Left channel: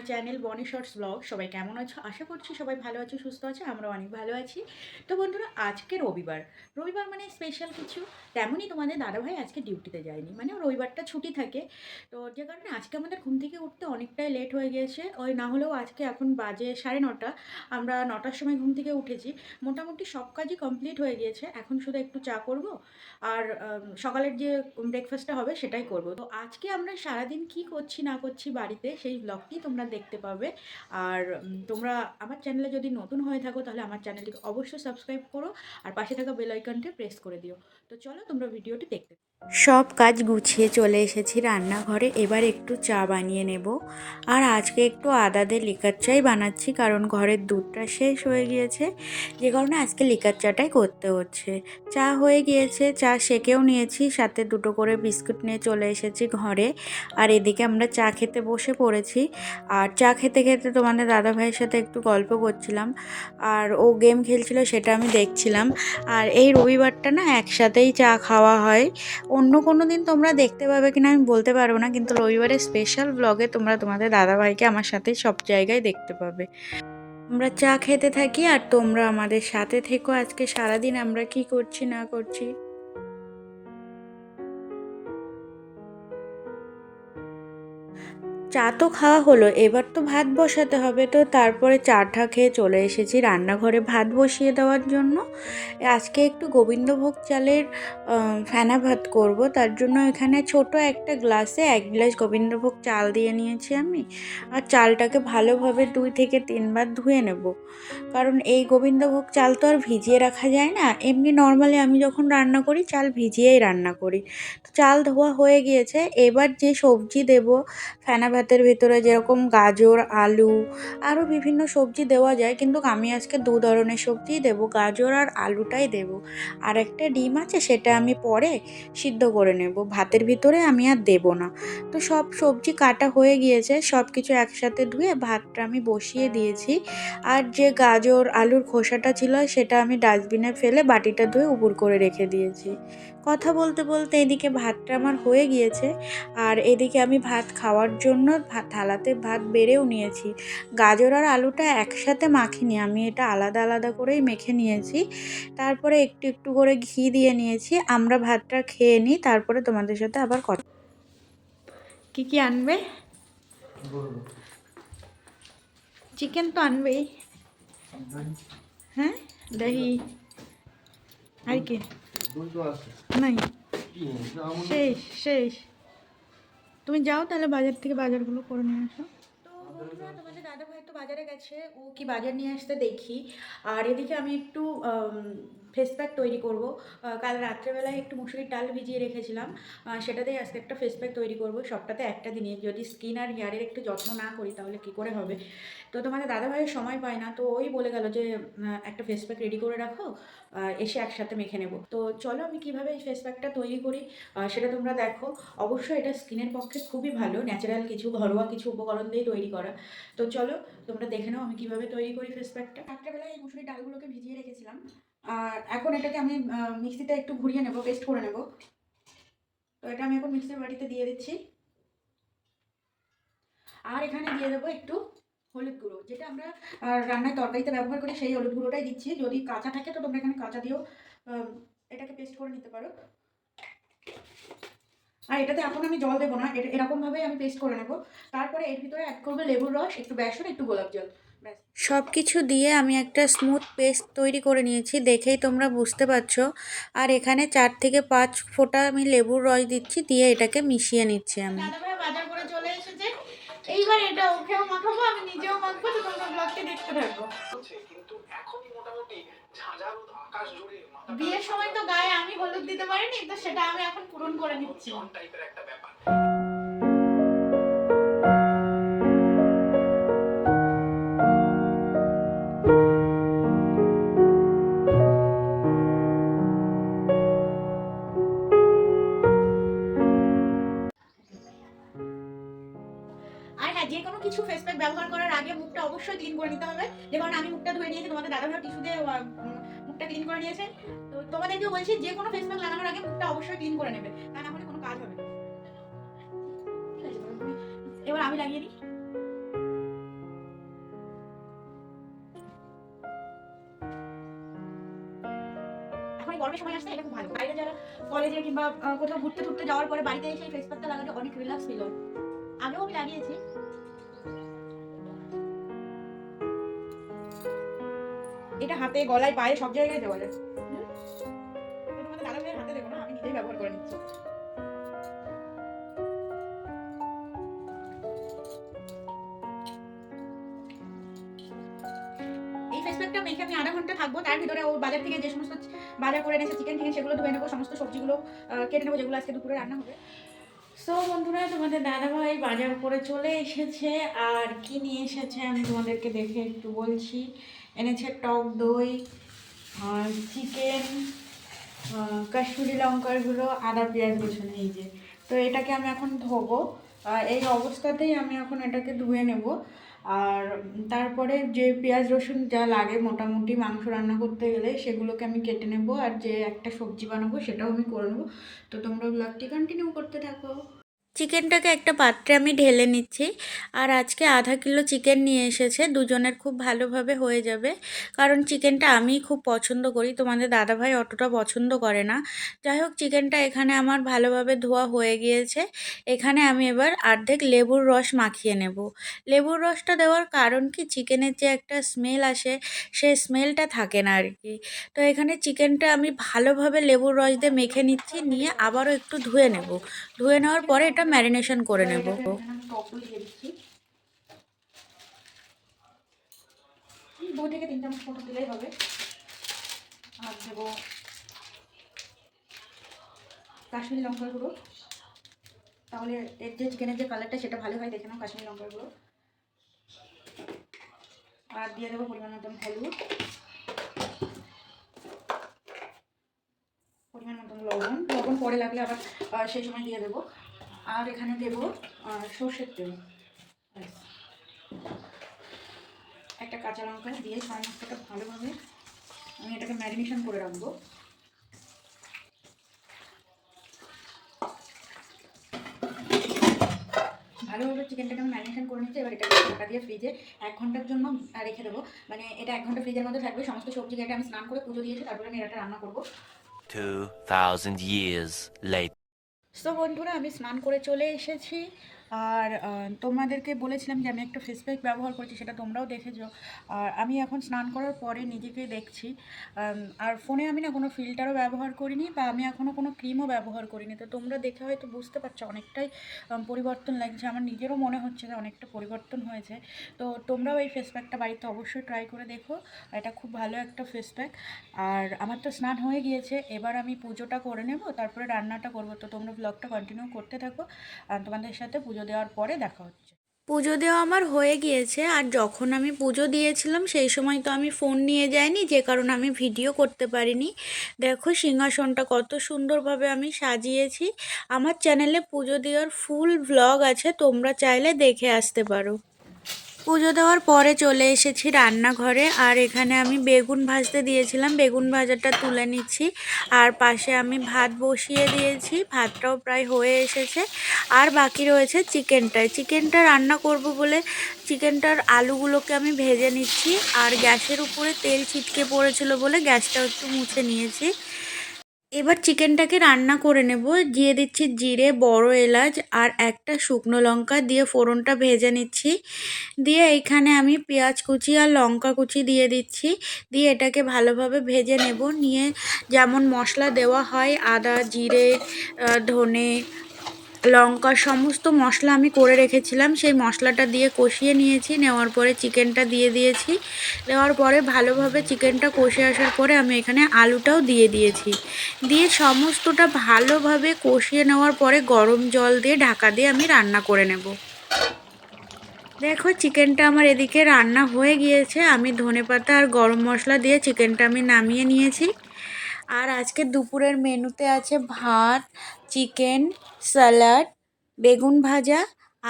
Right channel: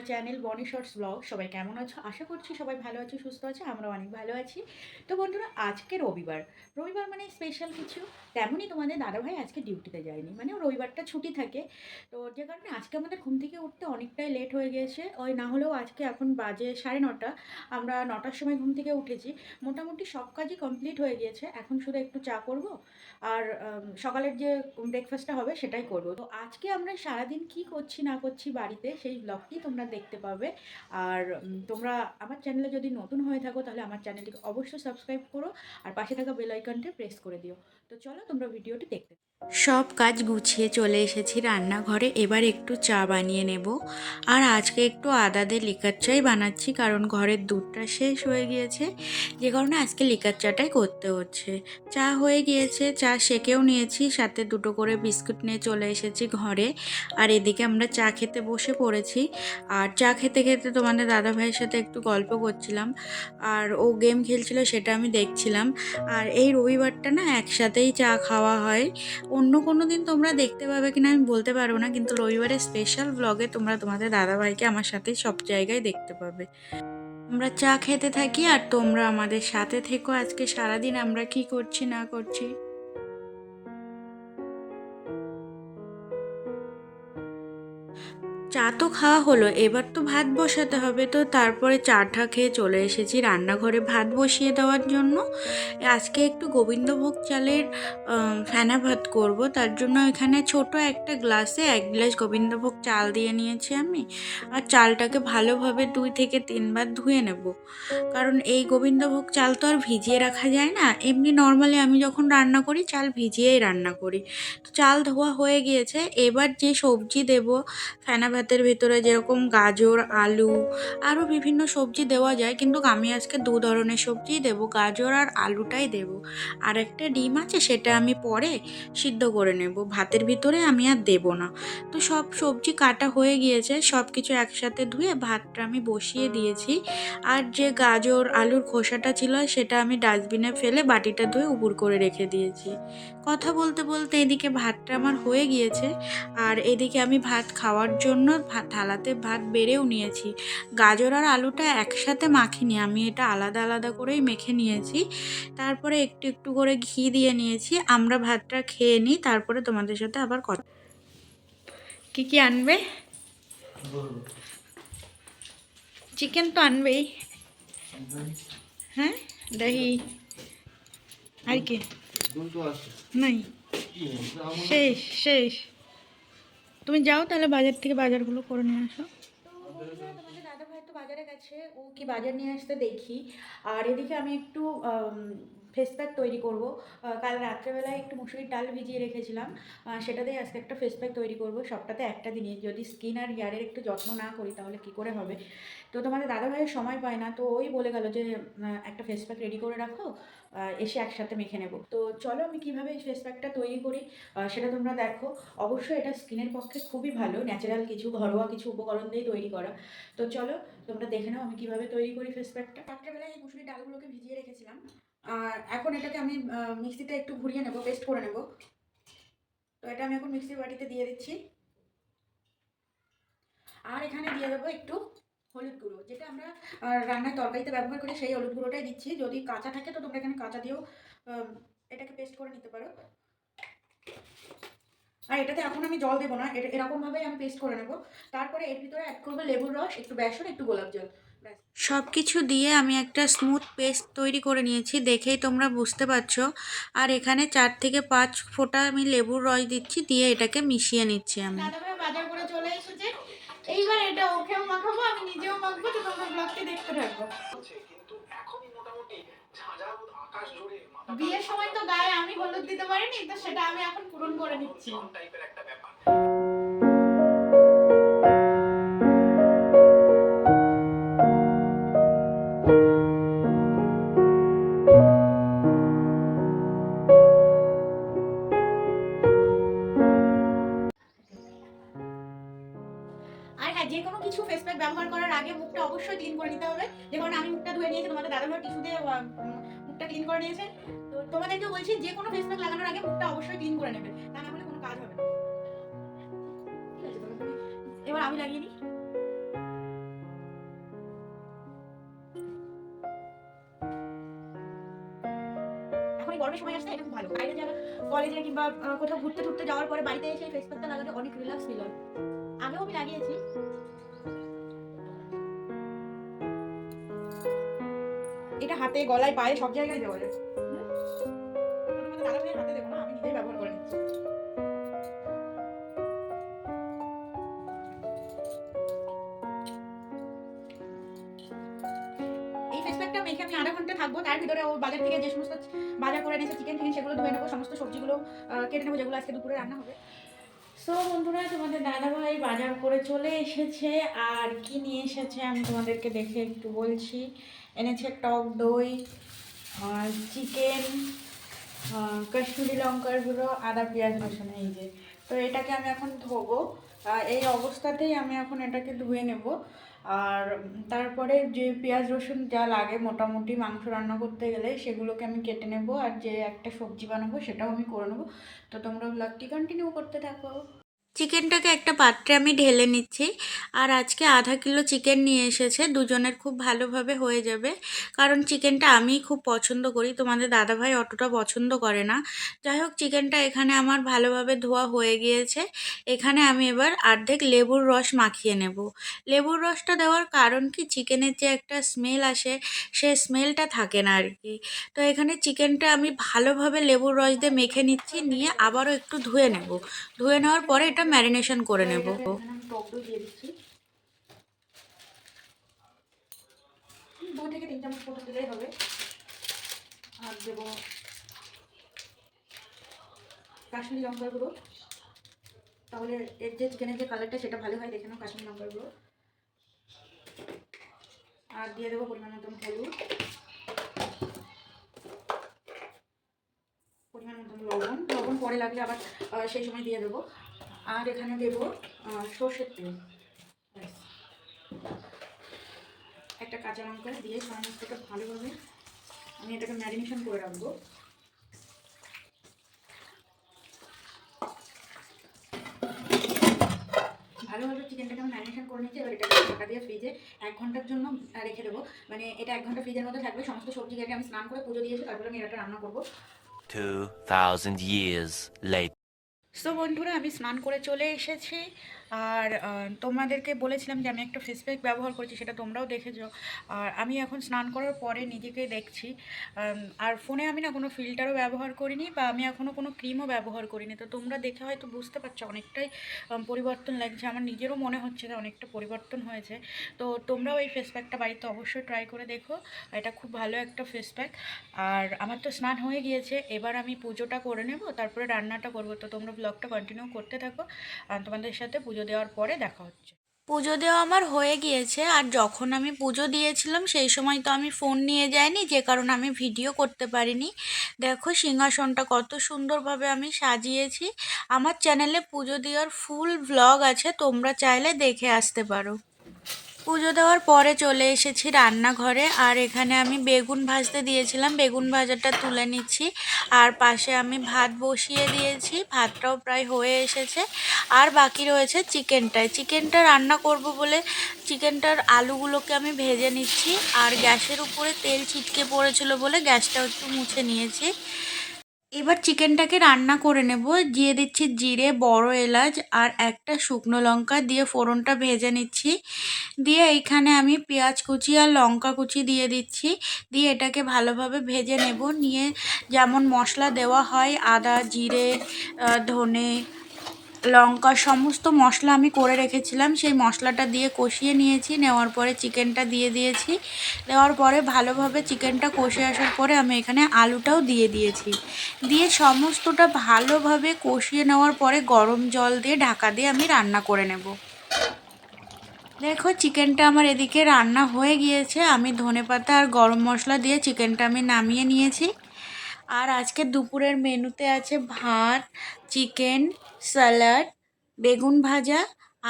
My channel Boni shorts blog সবাই কেমন আছো? আশা করছি সবাই ভালো আছো, সুস্থ আছো আমরা অনেক ভালো আছি। তো বন্ধুরা, আজকে রবিবার। রবিবার মানে স্পেশাল কিছু? তেমনই তোমাদের দাদাভাই আজকে ডিউটিতে যায়নি। মানে রবিবারটা ছুটি থাকে। তো যে কারণে আজকে আমাদের ঘুম থেকে উঠতে অনেকটাই লেট হয়ে গিয়েছে ওই না হলেও আজকে এখন বাজে সাড়ে নটা। আমরা নটার সময় ঘুম থেকে উঠেছি। মোটামুটি সব কাজই কমপ্লিট হয়ে গিয়েছে। এখন শুধু একটু চা করব। আর সকালের যে ব্রেকফাস্টটা হবে সেটাই করব। তো আজকে আমরা সারাদিন কি করছি না করছি বাড়িতে সেই ব্লগটি তোমরা দেখতে পাবে। আর তোমরা আমার চ্যানেলে যদি নতুন হয়ে থাকো, তাহলে আমার চ্যানেলটিকে অবশ্যই সাবস্ক্রাইব করো আর পাশে থাকা বেল আইকনটি প্রেস করে দিও। তো চলো তোমরা ভিডিওটি দেখতে সব কাজ গুছিয়ে চলে এসেছি রান্নাঘরে, এবার একটু চা বানিয়ে নেব। আর আজকে একটু আদা দিয়ে লিকার চাই বানাচ্ছি, কারণ ঘরের দুধটা শেষ হয়ে গিয়েছে। যে কারণে আজকে লিকার চাটাই করতে হচ্ছে। চা হয়ে গিয়েছে, চা সেকেও নিয়েছি, সাথে দুটো করে বিস্কুট নিয়ে চলে এসেছি ঘরে। আর এদিকে আমরা চা খেতে বসে পড়েছি। আর চা খেতে খেতে তোমাদের দাদা ভাইয়ের সাথে একটু গল্প করছিলাম। আর ও গেম খেলছিল সেটা আমি দেখছিলাম। আর এই রবিবারটা না একসাথেই চা খাওয়া হয়। অন্য কোনো দিন তোমরা দেখতে পাবে কিনা আমি বলতে পারব না, কিন্তু রবিবারের স্পেশাল ব্লগে তোমরা তোমাদের দাদাভাইকে আমার সাথে সব জায়গায় দেখতে পাবে। আমরা চা খেতে থাকি আর তোমরা আমাদের সাথে থেকো। আজকে সারাদিন আমরা কি করছি না করছি? চা তো খাওয়া হলো, এবার তো ভাত বসাতে হবে। তো তারপরে চাটা খেয়ে চলে এসেছি রান্নাঘরে ভাত বসিয়ে দেওয়ার জন্য। আজকে একটু গোবিন্দভোগ চালের ফেনা ভাত করব। তার জন্য এখানে ছোট একটা গ্লাসে এক গ্লাস গোবিন্দভোগ চাল দিয়ে নিয়েছি আমি। আর চালটাকে ভালোভাবে দুই থেকে তিনবার ধুয়ে নেব। কারণ এই গোবিন্দভোগ চাল তো আর ভিজিয়ে রাখা যায় না। এমনি নর্মালি আমি যখন রান্না করি, চাল ভিজিয়েই রান্না করি। তো চাল ধোয়া হয়ে গিয়েছে। এবার যে সবজি দেব, ফেনা ভাতের ভিতরে যেরকম গাজর, আলু, আরও বিভিন্ন সবজি দেওয়া যায়, কিন্তু আমি আজকে দু ধরনের সবজিই দেবো, গাজর আর আলুটাই দেবো। আর একটা ডিম আছে, সেটা আমি পরে সিদ্ধ করে নেব। ভাতের ভিতরে আমি আর দেবো না। তো সব সবজি কাটা হয়ে গিয়েছে সব কিছু একসাথে ধুয়ে ভাতটা আমি বসিয়ে দিয়েছি। আর যে গাজর, আলুর খোসাটা ছিল, সেটা আমি ডাস্টবিনে ফেলে বাটিটা ধুয়ে উপুর করে রেখে দিয়েছি। কথা বলতে বলতে এদিকে ভাতটা আমার হয়ে গিয়েছে। আর এদিকে আমি ভাত খাওয়ার জন্য থালাতে ভাত বেড়েও নিয়েছি। গাজর আর আলুটা একসাথে মাখিনি। আমি এটা আলাদা আলাদা করেই মেখে নিয়েছি। তারপরে একটু একটু করে ঘি দিয়ে নিয়েছি। আমরা ভাতটা খেয়ে নিই তারপরে তোমাদের সাথে আবার কথা কি কি আনবে? চিকেন তো আনবেই। হ্যাঁ? দহি। আর কি? নাই। শেষ শেষ। তুমি যাও তাহলে বাজার থেকে বাজারগুলো করে নিয়ে আসো। তোমাদের দাদা ভাই তো বাজারে গেছে, ও কি বাজার নিয়ে আসতে দেখি। আর এদিকে আমি একটু ফেস প্যাক তৈরি করব। কাল রাত্রেবেলায় একটু মুসুরির ডাল ভিজিয়ে রেখেছিলাম। সেটাতেই আজকে একটা ফেস প্যাক তৈরি করব। সবটাতে একটা দিনে যদি স্কিন আর হেয়ারের একটু যত্ন না করি তাহলে কি করে হবে? তো তোমাদের দাদা ভাইয়ের সময় পায় না, তো ওই বলে গেল যে একটা ফেস প্যাক রেডি করে রাখো এসে একসাথে মেখে নেব। তো চলো আমি কীভাবে এই ফেস প্যাকটা তৈরি করি সেটা তোমরা দেখো। অবশ্যই এটা স্কিনের পক্ষে খুবই ভালো ন্যাচারাল কিছু, ঘরোয়া কিছু উপকরণ দিয়ে তৈরি করা। তো চলো তোমরা দেখে নাও আমি কীভাবে তৈরি করি ফেস প্যাকটা রাত্রেবেলায় এই মুসুরি ডালগুলোকে ভিজিয়ে রেখেছিলাম। আর এখন এটাকে আমি মিক্সিতে একটু ঘুরিয়ে নেব পেস্ট করে নেব। তো এটা আমি এখন মিক্সির বাটিতে দিয়ে দিচ্ছি। আর এখানে দিয়ে দেবো একটু হলুদ গুঁড়ো, যেটা আমরা রান্নায় তরকারিতে ব্যবহার করি, সেই হলুদ গুঁড়োটাই দিচ্ছি। যদি কাঁচা থাকে, তো তোমরা এখানে কাঁচা দিয়েও এটাকে পেস্ট করে নিতে পারো। আর এটাতে এখন আমি জল দেবো না এরকমভাবেই আমি পেস্ট করে নেব। তারপরে এর ভিতরে অ্যাড করব লেবুর রস, একটু বেসন, একটু গোলাপ জল। সব কিছু দিয়ে আমি একটা স্মুথ পেস্ট তৈরি করে নিয়েছি দেখেই তোমরা বুঝতে পারছ। আর এখানে চার থেকে পাঁচ ফোঁটা আমি লেবুর রস দিচ্ছি দিয়ে এটাকে মিশিয়ে নিচ্ছি আমি। বাজার করে চলে এসেছে। এইবার এটা ওকেও মাখাবো আমি নিজেও মাখবো তো তোমরা ব্লগটি দেখতে থাকব। কিন্তু এখনই মোটামুটি আকাশ জুড়ে বিয়ের সময় তো গায়ে আমি হলুদ দিতে পারিনি তো সেটা আমি এখন পূরণ করে নিচ্ছি। টাইপের একটা ব্যাপার? যে কোনো কিছু ফেস প্যাক ব্যবহার করার আগে মুখটা অবশ্যই ক্লিন করে নিতে হবে। যে কারণে আমি মুখটা ধুয়ে নিয়েছি, তোমাদের দাদাভাই টিস্যুতে মুখটা ক্লিন করে নিয়েছে। তো তোমাদেরকেও বলছি যে কোনো ফেস প্যাক লাগানোর আগে মুখটা অবশ্যই ক্লিন করে নেবে, তা না হলে কোনো কাজ হবে না। ঠিক আছে এবার আমি লাগিয়ে নিই গরমের সময় আসতে এটা খুব ভালো। বাইরে যারা কলেজে কিংবা কোথাও ঘুরতে ঘুরতে যাওয়ার পরে বাড়িতে এসে ফেস পাতা লাগালে অনেক রিল্যাক্স ফিল হয়। আগেও আমি লাগিয়েছি। এটা হাতে, গলায়, পায়ে, সব জায়গায় দেওয়া যায়। এই ফেস প্যাকটা আমি আধা ঘণ্টা থাকব, তার ভিতরে ও বাজার থেকে যে সমস্ত বাজার করে এনেছে চিকেন টিকেন সেগুলো ধুয়ে নেব, সমস্ত সবজিগুলো কেটে নেব, যেগুলো আজকে দুপুরে রান্না হবে। সো বন্ধুরা, তোমাদের দাদাভাই বাজার করে চলে এসেছে। আর কি নিয়ে এসেছে আমি তোমাদেরকে দেখে একটু বলছি। এনেছে টক দই চিকেন কাশ্মীরি লঙ্কার গুঁড়ো, আদা, পেঁয়াজ, রসুন, এই যে। তো এটাকে আমি এখন ধোবো। এই অবস্থাতেই আমি এখন এটাকে ধুয়ে নেব। আর তারপরে যে পেঁয়াজ, রসুন যা লাগে মোটামুটি মাংস রান্না করতে গেলে সেগুলোকে আমি কেটে নেব। আর যে একটা সবজি বানাবো সেটাও আমি করে নেব। তো তোমরা ব্লগটি কন্টিনিউ করতে থাকো। চিকেনটাকে একটা পাত্রে আমি ঢেলে নিচ্ছি। আর আজকে আধা কিলো চিকেন নিয়ে এসেছে, দুজনের খুব ভালোভাবে হয়ে যাবে। কারণ চিকেনটা আমি খুব পছন্দ করি, তোমাদের দাদাভাই অতটা পছন্দ করে না। যাই হোক, চিকেনটা এখানে আমার ভালোভাবে ধোয়া হয়ে গিয়েছে। এখানে আমি এবার অর্ধেক লেবুর রস মাখিয়ে নেব। লেবুর রসটা দেওয়ার কারণ কি? চিকেনের যে একটা স্মেল আসে, সে স্মেলটা থাকে না আর কি। তো এখানে চিকেনটা আমি ভালোভাবে লেবুর রস দিয়ে মেখে নিচ্ছি, নিয়ে আবারও একটু ধুয়ে নেব। ধুয়ে নেওয়ার পরে ম্যারিনেশন করে নেব। দু থেকে মতো দিলেই হবে আর দেবো কাশ্মীরি তাহলে এর যে যে কালারটা সেটা ভালো হয় দেখে কাশ্মীরি গুঁড়ো আর দিয়ে দেবো পরিমাণ পরিমাণ লবণ। লবণ পরে লাগলে আবার সেই সময় দিয়ে দেবো। আর এখানে দেবো সর্ষের তেল। একটা কাঁচা লঙ্কা দিয়ে সমস্তটা ভালোভাবে আমি এটাকে ম্যারিনেশন করে রাখব। ভালোভাবে চিকেনটাকে আমি ম্যারিনেশন করে নিচ্ছি এবার এটাকে ঢাকা দিয়ে ফ্রিজে এক ঘণ্টার জন্য রেখে দেবো। মানে এটা এক ঘণ্টা ফ্রিজের মধ্যে থাকবে সমস্ত সবজি আমি স্নান করে পুজো দিয়েছি তারপরে আমি এটা রান্না করব। 2,000 years later. তো বন্ধুরা আমি স্নান করে চলে এসেছি। আর তোমাদেরকে বলেছিলাম যে আমি একটা ফেস প্যাক ব্যবহার করছি, সেটা তোমরাও দেখেছ। আর আমি এখন স্নান করার পরে নিজেকে দেখছি। আর ফোনে আমি না কোনো ফিল্টারও ব্যবহার করিনি বা আমি এখনও কোনো ক্রিমও ব্যবহার করিনি। তো তোমরা দেখে হয়তো বুঝতে পারছ অনেকটাই পরিবর্তন লাগছে। আমার নিজেরও মনে হচ্ছে যে অনেকটা পরিবর্তন হয়েছে। তো তোমরাও এই ফেস প্যাকটা বাড়িতে অবশ্যই ট্রাই করে দেখো। এটা খুব ভালো একটা ফেস প্যাক আর আমার তো স্নান হয়ে গিয়েছে, এবার আমি পুজোটা করে নেব, তারপরে রান্নাটা করব। তো তোমরা ব্লগটা কন্টিনিউ করতে থাকো। আর তোমাদের সাথে পুজো দেওয়ার পরে দেখা হচ্ছে। পুজো দেওয়া আমার হয়ে গিয়েছে, আর যখন আমি পুজো দিয়েছিলাম সেই সময় তো আমি ফোন নিয়ে যাইনি, যে কারণে আমি ভিডিও করতে পারিনি। দেখো সিংহাসনটা কত সুন্দরভাবে আমি সাজিয়েছি। আমার চ্যানেলে পুজো দেওয়ার ফুল ব্লগ আছে, তোমরা চাইলে দেখে আসতে পারো। পুজো দেওয়ার পরে চলে এসেছি রান্নাঘরে, আর এখানে আমি বেগুন ভাজতে দিয়েছিলাম। বেগুন ভাজাটা তুলে নিচ্ছি, আর পাশে আমি ভাত বসিয়ে দিয়েছি। ভাতটাও প্রায় হয়ে এসেছে। আর বাকি রয়েছে চিকেনটায় চিকেনটা রান্না করব বলে চিকেনটার আলুগুলোকে আমি ভেজে নিচ্ছি, আর গ্যাসের উপরে তেল ছিটকে পড়েছিল বলে গ্যাসটাও একটু মুছে নিয়েছি। এবার চিকেনটাকে রান্না করে নেব। দিয়ে দিচ্ছি জিরে, বড় এলাচ আর একটা শুকনো লঙ্কা দিয়ে ফোড়নটা ভেজে নিচ্ছি। দিয়ে এইখানে আমি পেঁয়াজ কুচি আর লঙ্কা কুচি দিয়ে দিচ্ছি। দিয়ে এটাকে ভালোভাবে ভেজে নেব। নিয়ে যেমন মশলা দেওয়া হয়, আদা, জিরে ধনে লঙ্কা সমস্ত মশলা আমি করে রেখেছিলাম। সেই মশলাটা দিয়ে কষিয়ে নিয়েছি। নেওয়ার পরে চিকেনটা দিয়ে দিয়েছি। দেওয়ার পরে ভালোভাবে চিকেনটা কষে আসার পরে আমি এখানে আলুটাও দিয়ে দিয়েছি। দিয়ে সমস্তটা ভালোভাবে কষিয়ে নেওয়ার পরে গরম জল দিয়ে ঢাকা দিয়ে আমি রান্না করে নেব। দেখো, চিকেনটা আমার এদিকে রান্না হয়ে গিয়েছে। আমি ধনেপাতা আর গরম মশলা দিয়ে চিকেনটা আমি নামিয়ে নিয়েছি। আর আজকে দুপুরের মেনুতে আছে ভাত, চিকেন স্যালাড বেগুন ভাজা,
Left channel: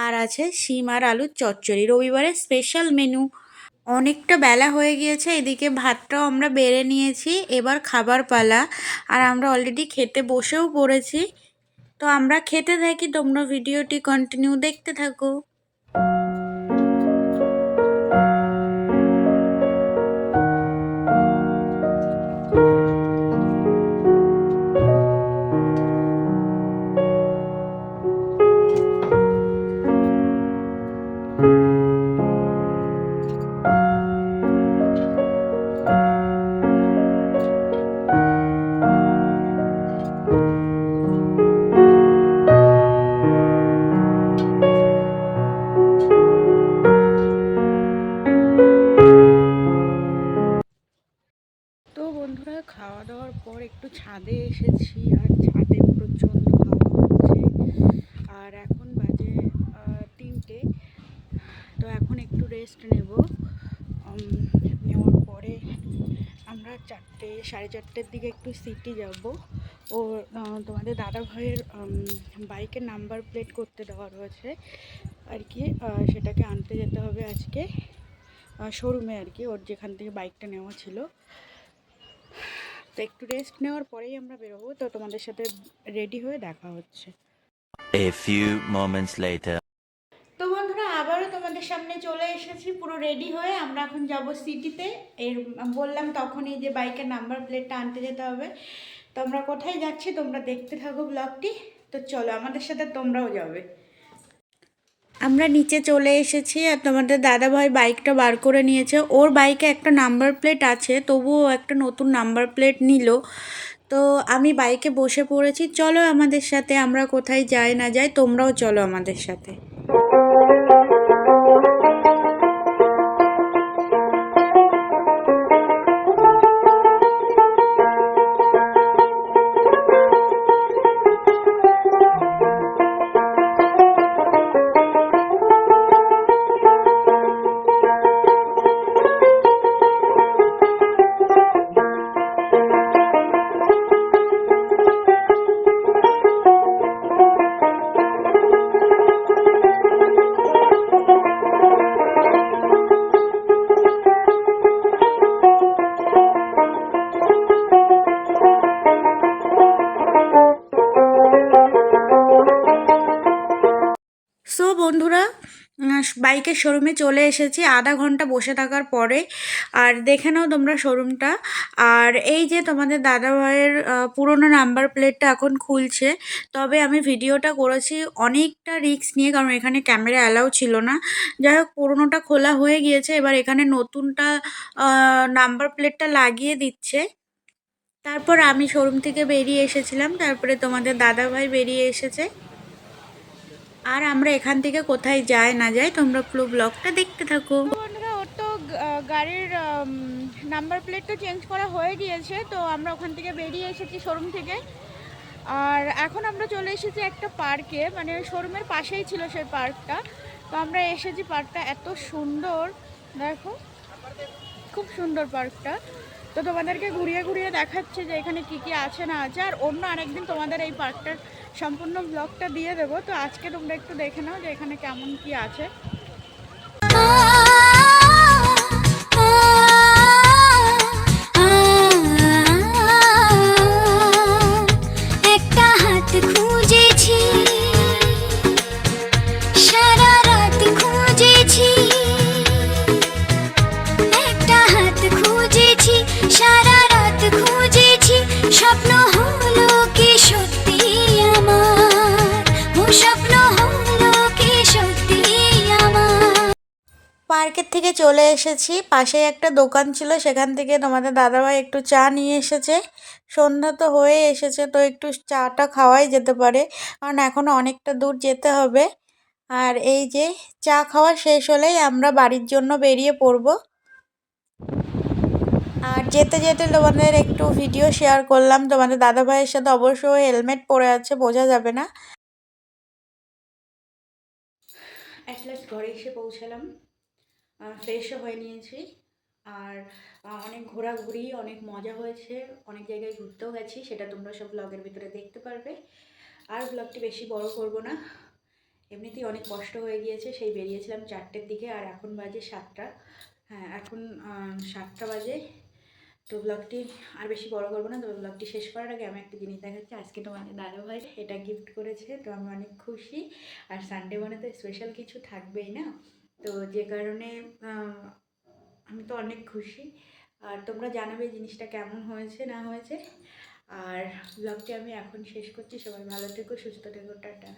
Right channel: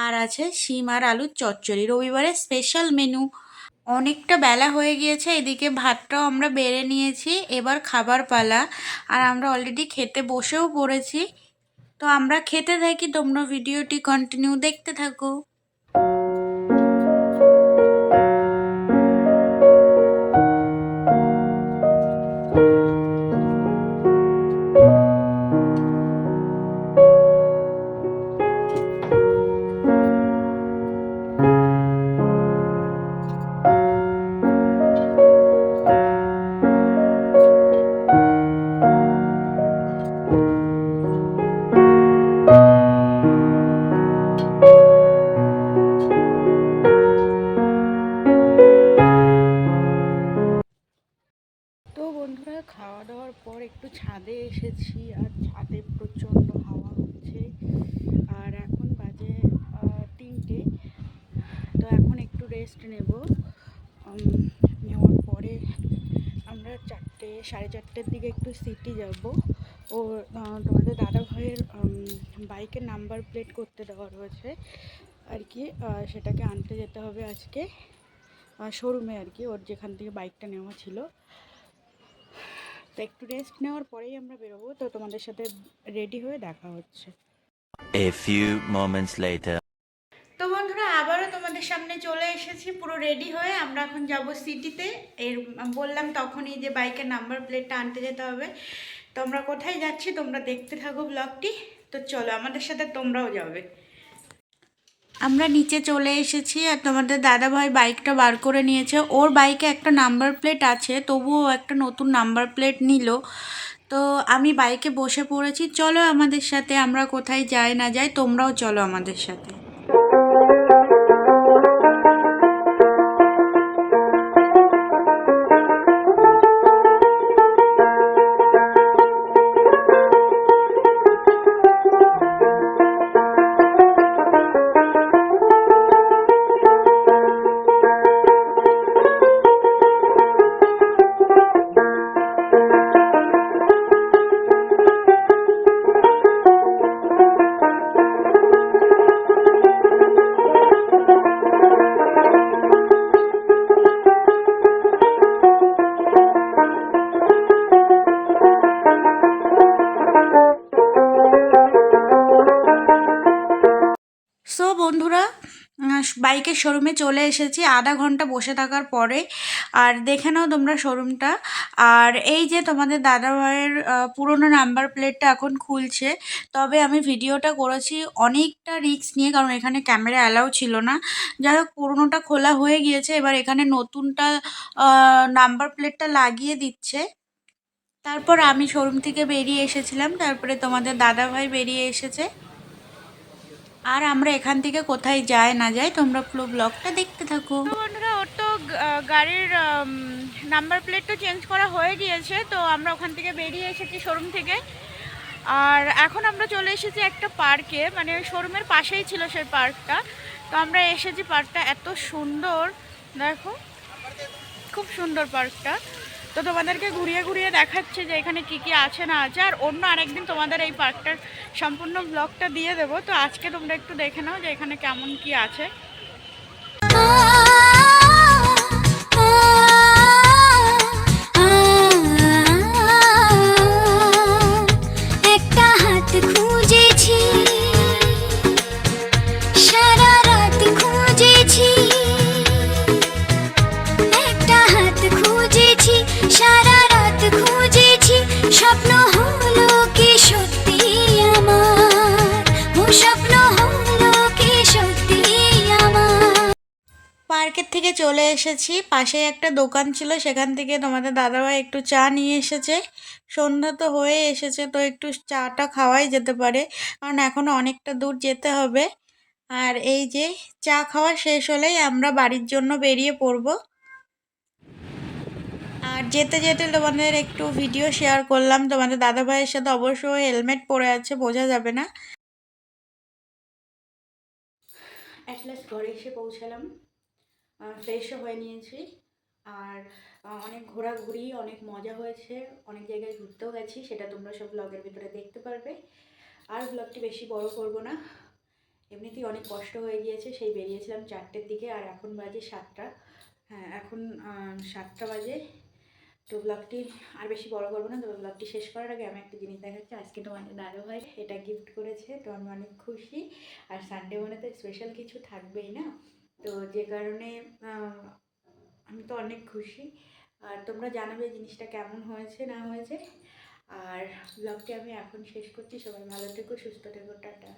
আর আছে শিম আর আলুর চচ্চড়ি। রবিবারের স্পেশাল মেনু অনেকটা বেলা হয়ে গিয়েছে, এদিকে ভাতটাও আমরা বেড়ে নিয়েছি, এবার খাবার পালা। আর আমরা অলরেডি খেতে বসেও পড়েছি। তো আমরা খেতে থাকি, তোমরা ভিডিওটি কন্টিনিউ দেখতে থাকো। পর একটু ছাদে এসেছি আর ছাদে প্রচণ্ড হাওয়া হচ্ছে। আর এখন বাজে তিনটে। তো এখন একটু রেস্ট নেব। নেওয়ার পরে আমরা চারটে, সাড়ে চারটের দিকে একটু সিটি যাব। ও তোমাদের দাদা ভাইয়ের বাইকের নাম্বার প্লেট করতে দেওয়া রয়েছে। আর কি সেটাকে আনতে যেতে হবে আজকে। শোরুমে আর কি, ওর যেখান থেকে বাইকটা নেওয়া ছিল। তো একটু রেস্ট নেওয়ার পরেই আমরা বেরোবো। তো তোমাদের সাথে রেডি হয়ে দেখা হচ্ছে। A few moments later. তো বন্ধুরা আবারও তোমাদের সামনে চলে এসেছি পুরো রেডি হয়ে। আমরা এখন যাব সিটিতে এর বললাম তখনই যে বাইকের নাম্বার প্লেটটা আনতে যেতে হবে। তো আমরা কোথায় যাচ্ছি তোমরা দেখতে থাকো ব্লগটি তো চলো আমাদের সাথে তোমরাও যাবে। আমরা নিচে চলে এসেছি আর তোমাদের দাদাভাই বাইকটা বার করে নিয়েছে। ওর বাইকে একটা নাম্বার প্লেট আছে, তবুও একটা নতুন নাম্বার প্লেট নিল। তো আমি বাইকে বসে পড়েছি। চলো আমাদের সাথে, আমরা কোথায় যাই না যাই, তোমরাও চলো আমাদের সাথে। বন্ধুরা বাইকের শোরুমে চলে এসেছি। আধা ঘণ্টা বসে থাকার পরে। আর দেখে নাও তোমরা শোরুমটা। আর এই যে তোমাদের দাদা ভাইয়ের আহ, পুরোনো নাম্বার প্লেটটা এখন খুলছে। তবে আমি ভিডিওটা করেছি অনেকটা রিস্ক নিয়ে কারণ এখানে ক্যামেরা অ্যালাউ ছিল না। যাই হোক পুরোনোটা খোলা হয়ে গিয়েছে। এবার এখানে নতুনটা নাম্বার প্লেটটা লাগিয়ে দিচ্ছে। তারপর আমি শোরুম থেকে বেরিয়ে এসেছিলাম। তারপরে তোমাদের দাদা ভাই বেরিয়ে এসেছে। আর আমরা এখান থেকে কোথায় যাই না যাই, তোমরা পুরো ব্লগটা দেখতে থাকো। বন্ধুরা, ওর তো গাড়ির নাম্বার প্লেট তো চেঞ্জ করা হয়ে গিয়েছে, তো আমরা ওখান থেকে বেরিয়ে এসেছি শোরুম থেকে। আর এখন আমরা চলে এসেছি একটা পার্কে মানে শোরুমের পাশেই ছিল সেই পার্কটা তো আমরা এসেছি পার্কটা এত সুন্দর, দেখো, খুব সুন্দর পার্কটা তো তোমাদেরকে ঘুরিয়ে ঘুরিয়ে দেখাচ্ছে যে এখানে কি কি আছে না আছে। আর অন্য আরেকদিন তোমাদের এই পার্কটার সম্পূর্ণ ব্লগটা দিয়ে দেবো। তো আজকে তোমরা একটু দেখে নাও যে এখানে কেমন কি আছে। পার্কের থেকে চলে এসেছি। পাশে একটা দোকান ছিল, সেখান থেকে তোমাদের দাদাভাই একটু চা নিয়ে এসেছে। সন্ধ্যা তো হয়ে এসেছে, তো একটু চাটা খাওয়াই যেতে পারে, কারণ এখনও অনেকটা দূর যেতে হবে। আর এই যে চা খাওয়া শেষ হলেই আমরা বাড়ির জন্য বেরিয়ে পড়ব। আর যেতে যেতে তোমাদের একটু ভিডিও শেয়ার করলাম। তোমাদের দাদাভাইয়ের সাথে অবশ্যই হেলমেট পরে আছে, বোঝা যাবে না। ঘরে এসে পৌঁছালাম। ফ্রেশও হয়ে নিয়েছি। আর অনেক ঘোরাঘুরি, অনেক মজা হয়েছে, অনেক জায়গায় ঘুরতেও গেছি, সেটা তোমরা সব ব্লগের ভিতরে দেখতে পারবে। আর ব্লগটি বেশি বড় করব না। এমনিতেই অনেক কষ্ট হয়ে গিয়েছে, সেই বেরিয়েছিলাম চারটের দিকে, আর এখন বাজে সাতটা। হ্যাঁ এখন সাতটা বাজে। তো ব্লগটি আর বেশি বড় করব না, তবে ব্লগটি শেষ করার আগে আমি একটা জিনিস দেখাচ্ছি। আজকে তোমাদের দাদা ভাই এটা গিফট করেছে, তো আমি অনেক খুশি। আর সানডে মানে তো স্পেশাল কিছু থাকবেই না। তো যে কারণে আমি তো অনেক খুশি। আর তোমরা জানাবে জিনিসটা কেমন হয়েছে, না হয়েছে। আর ব্লগটি আমি এখন শেষ করছি। সবাই ভালো থেকো, সুস্থ থেকো, টাটা।